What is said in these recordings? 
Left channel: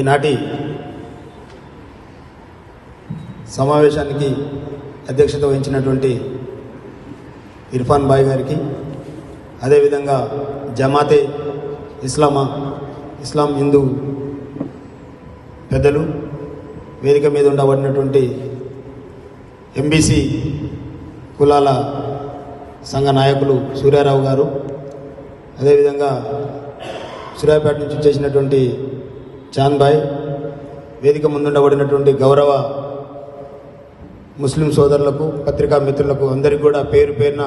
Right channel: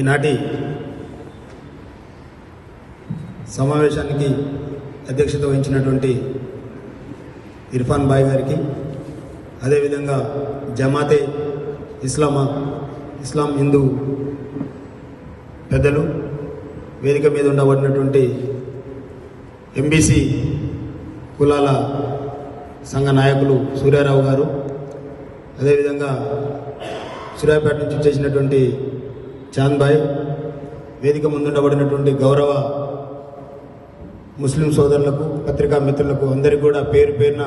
ఈనాటి సమావేశానికి అధ్యక్షత వహించినటువంటి ఇర్ఫాన్ భాయ్ గారికి, అదేవిధంగా జమాతే ఇస్లాం హిందూ పెద్దలు, వేదిక మీద ఉండబడినటువంటి ఎంబీసీ కులాల సంఘ నాయకులు సూర్యారావు గారు, అదేవిధంగా సూర్యాపేట నుంచి చేసినటువంటి చాంద్ భాయ్, వేదిక ముందుండబడినటువంటి గౌరవ ముస్లిం సోదరులకు, పత్రికా మిత్రులకు అందరికీ కూడా పేరు పేరున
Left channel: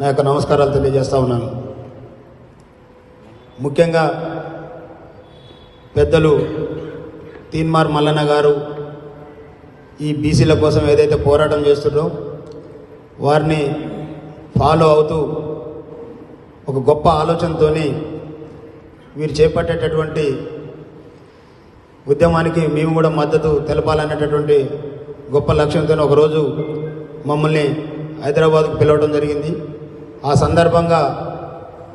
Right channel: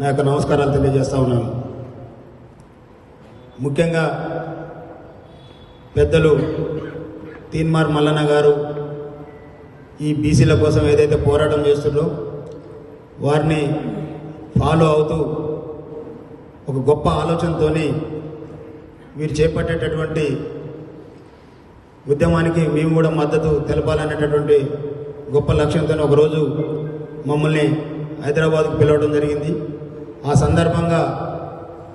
నా యొక్క నమస్కారాలు తెలియజేస్తా ఉన్నాను. ముఖ్యంగా పెద్దలు తీన్మార్ మల్లన్న గారు ఈ బీసీల కోసం ఏదైతే పోరాటం చేస్తున్నారో వారిని ఫాలో అవుతూ ఒక గొప్ప ఆలోచనతో వీరు చేపట్టేటటువంటి ఉద్యమానికి మేము కూడా మద్దతు తెలపాలనేటటువంటి గొప్ప లక్ష్యంతో ఒకరోజు మమ్మల్ని హైదరాబాద్కు పిలవడం జరిగింది. ఆ సందర్భంగా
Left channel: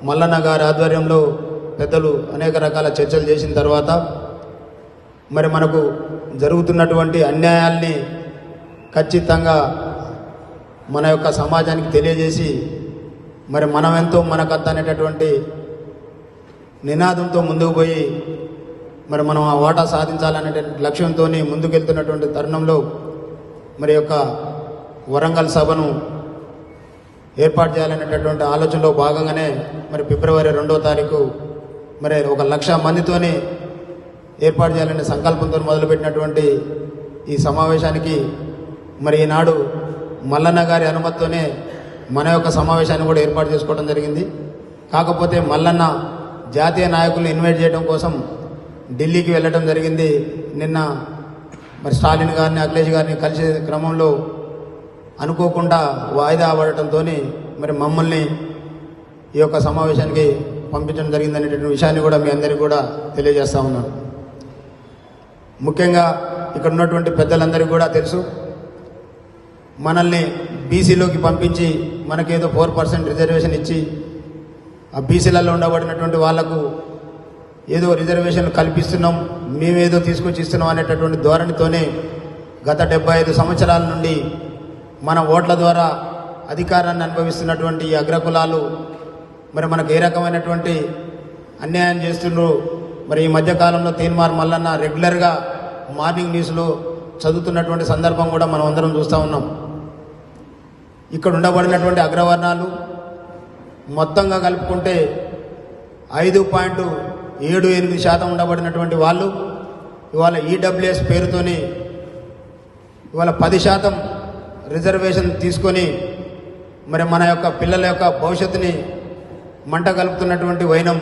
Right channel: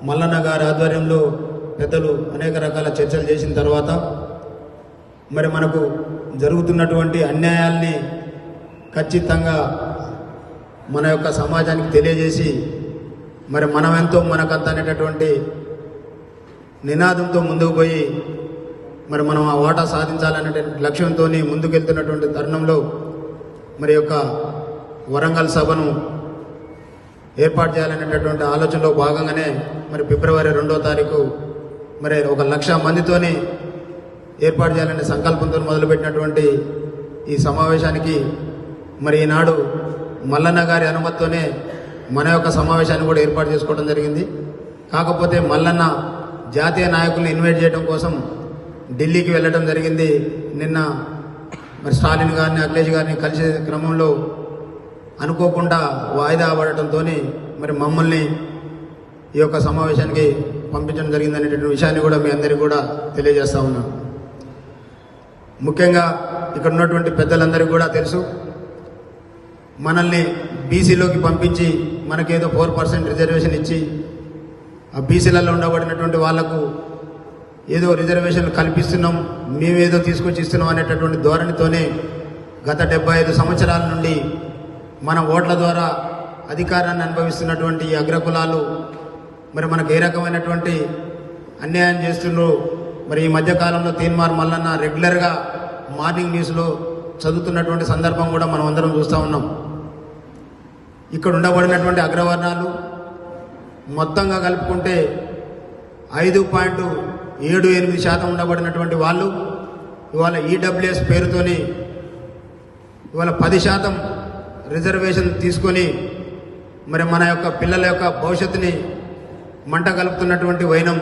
మల్లన్న గారి ఆధ్వర్యంలో పెద్దలు అనేక రకాల చర్చలు చేసిన తర్వాత మరి మనకు జరుగుతున్నటువంటి అన్యాయాల్ని ఖచ్చితంగా మన యొక్క సమాజానికి తెలియజేసి మరి మనమెంతో మనకంత అనేటటువంటి నినాదంతో ముందుకు పోయి మరి మనం ఆ వాటా సాధించాలనే లక్ష్యంతో ముందుకెళ్తున్నటువంటి తరుణంలో మరి యొక్క వరంగల్ సభను ఏర్పాటు చేయాలనేటటువంటి ఆలోచనలో భాగంగానే మరి ఫిబ్రవరి 2వ తారీఖు మరి 1,00,000 మందితోని ఏర్పాటు చేయాలనే సంకల్పంతో మొదలుపెట్టినటువంటి ఈ సమావేశానికి మరి ఈనాడు మల్లన్న గారి అనుమతితోనే మన యొక్క సమావేశాన్ని కూడా ఏర్పాటు చేసుకోవడం జరిగింది. కాకపోతే మల్లన్న జాతీయ నాయకుల్ని ఇన్వైట్ చేయడం కోసం ఢిల్లీకి వెళ్ళడం జరిగింది. నిన్న మరి స్టాలిన్ గారిని, అఖిలేష్ గారిని కలిసే క్రమంలో అనుకోకుండా వాయిదా పడటంతో మరి మమ్మల్ని ఈ యొక్క సమావేశానికి పంపించడం జరిగిందనేటువంటి విషయాన్ని కూడా మీ అందరికీ కూడా తెలియజేస్తా ఉన్నాం. ముఖ్యంగా ఇక్కడ ఉన్నటువంటి పెద్దలందరికీ కూడా తెలుసు, మనల్ని బీసీలోకి పంపించి మనకేదో 4% రిజర్వేషన్ ఇచ్చి ఆ బీసీలలో ఉండబడినటువంటి వాళ్లకు ఏదో రిజర్వేషన్ కల్పిస్తున్నాం, మేమేదో తీసుకొచ్చి ఇస్తున్నాం అనేటటువంటి ధోరణితోనే గత 75 సంవత్సరాల నుండి మన ఓట్ల ద్వారా అధికారాన్ని అనుభవిస్తున్నటువంటి ఈ అగ్రకులాలు మరి మనకు ఏ రకమైనటువంటి అన్యాయం చేస్తుండ్రో మరి ఈ మధ్యకాలంలో తీన్మార్ మల్లన్న రెగ్యులర్గా మార్నింగ్ న్యూస్లో చదువుతున్నటువంటి సందర్భం కూడా మనం అందరం చూస్తూ ఉన్నాం. ఇక్కడ ఉండబడినటువంటి అగ్రవర్ణాలు మొత్తంగా కలుపుకుంటే 5.78% ఉండబడినటువంటి వాళ్ళు ఇవాళ ఈడబ్ల్యూఎస్ పేరుతోని ఇవాళ 10% రిజర్వేషన్ తీసుకొని మరి మన యొక్క పిల్లల యొక్క భవిష్యత్తుని మంట కలుపుతున్నటువంటి వైనం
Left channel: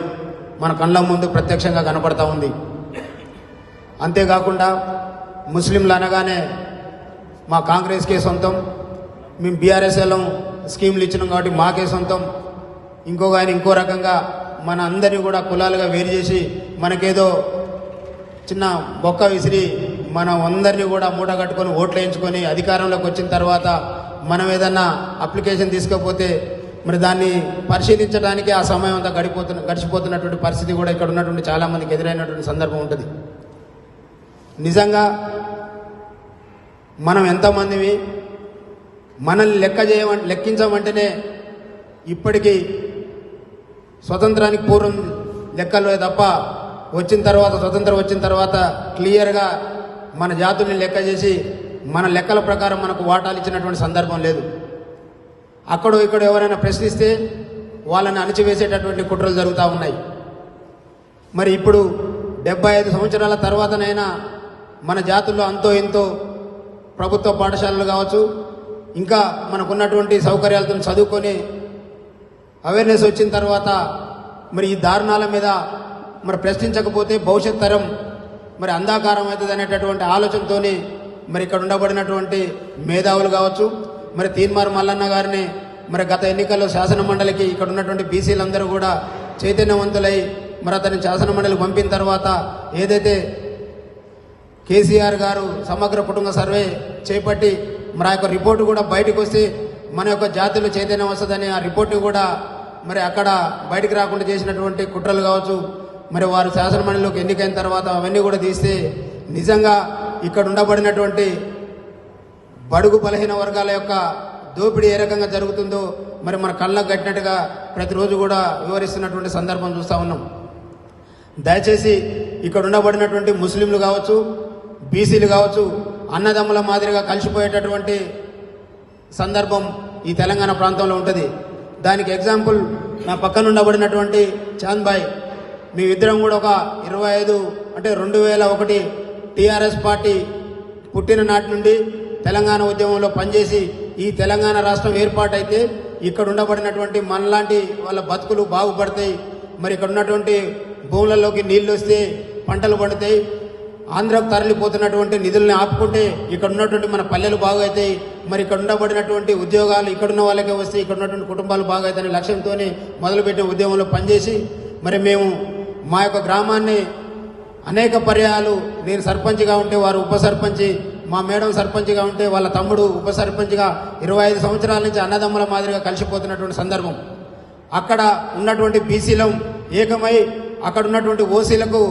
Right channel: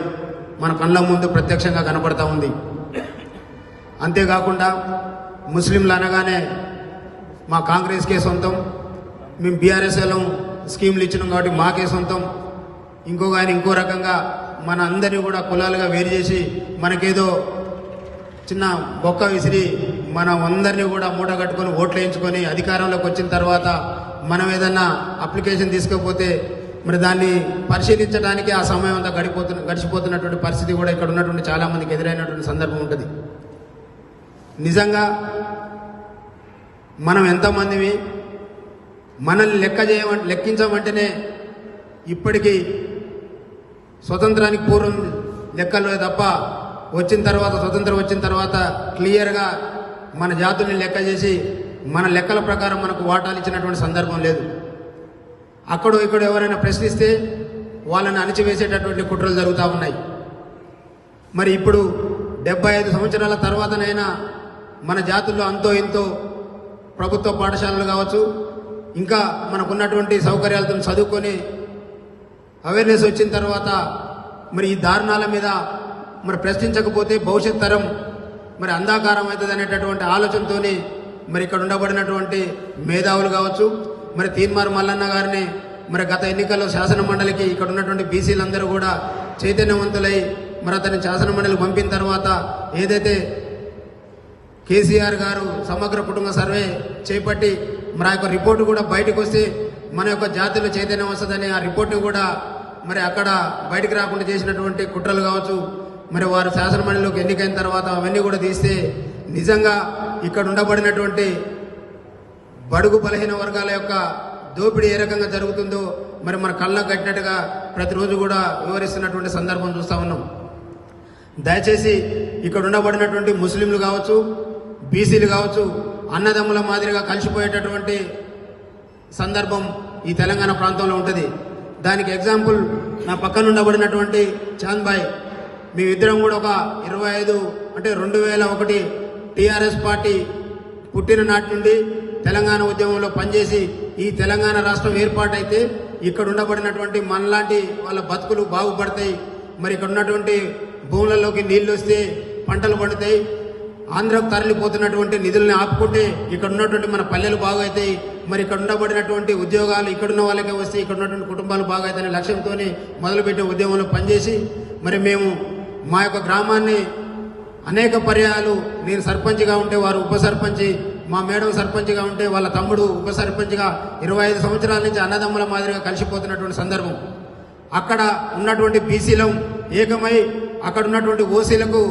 మన కళ్ళ ముందు ప్రత్యక్షంగా కనపడతా ఉంది. అంతేకాకుండా ముస్లింలు అనగానే మా కాంగ్రెస్కే సొంతం, మేము బీఆర్ఎస్ఎల్ స్కీములు ఇచ్చినాం కాబట్టి మాకే సొంతం, ఇంకో రకంగా మన అందరినీ కూడా కులాలుగా వేరు చేసి మనకేదో చిన్న బొక్క విసిరి మనం అందరినీ కూడా మూట కట్టుకొని ఓట్లు వేయించుకొని అధికారంలోకి వచ్చిన తర్వాత మనం ఏదైనా అప్లికేషన్ తీసుకోకపోతే మరి దాన్ని పరిశీలించడానికి ఆ సమయం అంతా గడిచిపోతున్నటువంటి పరిస్థితి కూడా ఇక్కడ ఉన్నటువంటి చాలామందికి ఎదురైనటువంటి సందర్భం ఉంటుంది. నిజంగా మనం ఎంతమందివి, మనల్ని లెక్కించమంటేనే ఇప్పటికీ స్వతంత్రానికి పూర్వం లెక్కలు తప్ప స్వతంత్రం వచ్చిన తర్వాత క్లియర్గా మన జాతుల్ని లెక్క చేసి మన లెక్కల ప్రకారం మనకు వాటాలు ఇచ్చినటువంటి సందర్భం లేదు. అక్కడో ఇక్కడ ఎవరైనా ప్రశ్నిస్తే వాళ్ళని అణిచివేసేటటువంటి కుట్రలు జరుగుతూ ఉన్నాయి. మరి ఇప్పుడు 75 సంవత్సరాల తర్వాతనైనా మన జాతుల్లో అంతో ఎంతో ప్రభుత్వ పాఠశాలలు కావచ్చు, ఇంకా మనకున్నటువంటి సౌకర్యాలతో చదువుకొని అవేర్నెస్ వచ్చిన తర్వాత మరి ఈ దారుణాల మీద మరి ప్రశ్నించకపోతే భవిష్యత్ తరం మరి అంధాకారం అవుతుంది అనేటటువంటి ఆలోచనతో మరి ఇక్కడ ఉండబడినటువంటి మేధావులు కావచ్చు, మరి తీన్మార్ మల్లన్న గారిని మరి గత ఎన్నికల్లో శాసన మండలికి ఇక్కడ ఉన్నటువంటి బీసీలందరూ కూడా చైతన్యవంతులై మరి అతని శాసన మండలికి పంపిన తర్వాత ఏదైతే కేసీఆర్ గారు సమగ్ర కుటుంబ సర్వే చేపట్టి మరి ఆ యొక్క రిపోర్టు కూడా బయటకు వస్తే మన యొక్క జాతిలో చైతన్యం వస్తుందని ఆ రిపోర్టు కూడా మరి అక్కడ బయటకు రాకుండా చేసినటువంటి కుట్రలు కావచ్చు, మరి వారు శాసనమండలిలోకి ఎన్నికైన తర్వాత అవన్నీ కూడా తీస్తే నిజంగా ఇక్కడ ఉండబడినటువంటి బడుగు బలహీన వర్గాల యొక్క దోపిడీ ఏ రకంగా జరుగుతుందో మరి మన కళ్ళకు కట్టినట్టుగా ప్రతిరోజు కూడా వివరిస్తున్నటువంటి సందర్భం చూస్తూ ఉన్నాం. దయచేసి ఇక్కడ ఉండబడినటువంటి ముస్లింలు కావచ్చు, బీసీలు కావచ్చు, అన్నదమ్ముల మాదిరిగా కలిసిపోయేటటువంటి సందర్భం ఈ తెలంగాణ ప్రాంతంలో ఉంటుంది. దానికి ఎగ్జాంపుల్ నా పక్కన ఉండబడినటువంటి చాంద్ భాయ్, మీ ఇద్దరం కూడా ఒక 25 అంటే 2001 టీఆర్ఎస్ పార్టీ పుట్టిన నాటి నుండి తెలంగాణ ఉద్యమంలో పనిచేసి ఈ తెలంగాణ రాష్ట్రం ఏర్పాటైతే ఇక్కడ ఉండబడినటువంటి మనలాంటి వాళ్ళ బతుకులు బాగుపడతాయి. మరి ఇక్కడ ఉన్నటువంటి భూములలోకి నీళ్లు వస్తే పంటలు పడతాయి. ఆంధ్రకు తరలిపోతున్నటువంటి నిధుల్ని ఆపుకుంటే ఇక్కడ ఉన్నటువంటి మన పల్లెలు బాగవుతాయి. మరి ఇక్కడ ఉండబడినటువంటి ఉద్యోగాలు ఇక్కడున్న వాళ్ళకే వస్తే ఇక్కడ ఉన్నటువంటి కుటుంబాలు బాగవుతాయనే లక్ష్యంతోనే మొదలుపెట్టే ఉద్యమంలో పనిచేసి మరి మేము మా యొక్క గ్రామాన్ని అనేక పర్యాయాలు నేను సర్పంచ్గా ఉంటే వారు ఉప సర్పంచి, మా మేడం సర్పంచ్గా ఉంటే వాళ్ళ తమ్ముడు ఉప సర్పంచ్గా 25 సంవత్సరాల నుంచి అన్నదమ్ముల మాదిరిగా కలిసిపోతున్నటువంటి సందర్భం. అక్కడ ఉన్నటువంటి బీసీలం ఏకమై అక్కడ ఉన్నటువంటి ఓసీలకు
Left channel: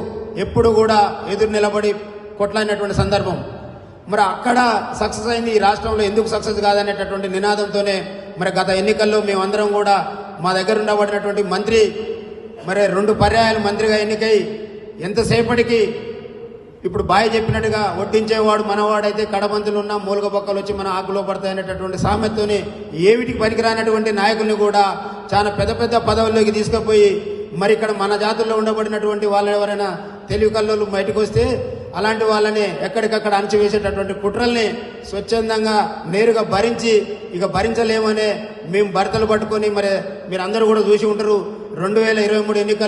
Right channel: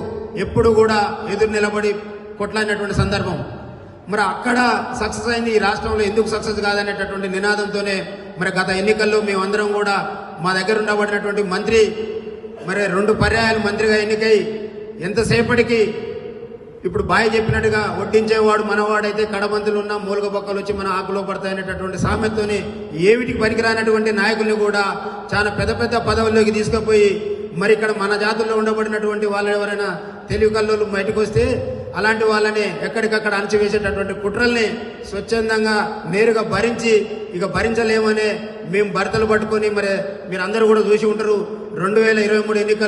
ఎప్పుడు కూడా ఎదురు నిలబడి కొట్లాడినటువంటి సందర్భం. మరి అక్కడ సక్సెస్ అయింది, ఈ రాష్ట్రంలో ఎందుకు సక్సెస్ కాదనేటటువంటి నినాదంతోనే మరి గత ఎన్నికల్లో మేమందరం కూడా మా దగ్గర ఉండబడినటువంటి మంత్రి మరి 2 పర్యాయాలు మంత్రిగా ఎన్నికై ఎంతసేపటికి ఇప్పుడు బాయ్ చెప్పినట్టుగా వడ్డించేవాడు మనవాడైతే కడబంతులు ఉన్న మూలుగ బొక్కలు వచ్చి మన ఆకులో పడతాయనేటటువంటి సామెతతోనే ఏమిటికి పనికిరానటువంటి నాయకుల్ని కూడా చాలా పెద్ద పెద్ద పదవుల్లోకి తీసుకుపోయి మరి ఇక్కడ మన జాతుల్లో ఉండబడినటువంటి వాళ్ళు ఎవరైనా తెలివి కల్లోలు బయటకు వస్తే అలాంటి వాళ్ళని ఎక్కడికక్కడ అణచివేసేటటువంటి కుట్రల్ని స్వచ్ఛందంగా నేరుగా భరించి ఇక భరించలేమనే మేము భర్తలు పట్టుకొని మరి మీరందరూ కూడా చూసి ఉంటారు 2023 ఎన్నికల్లో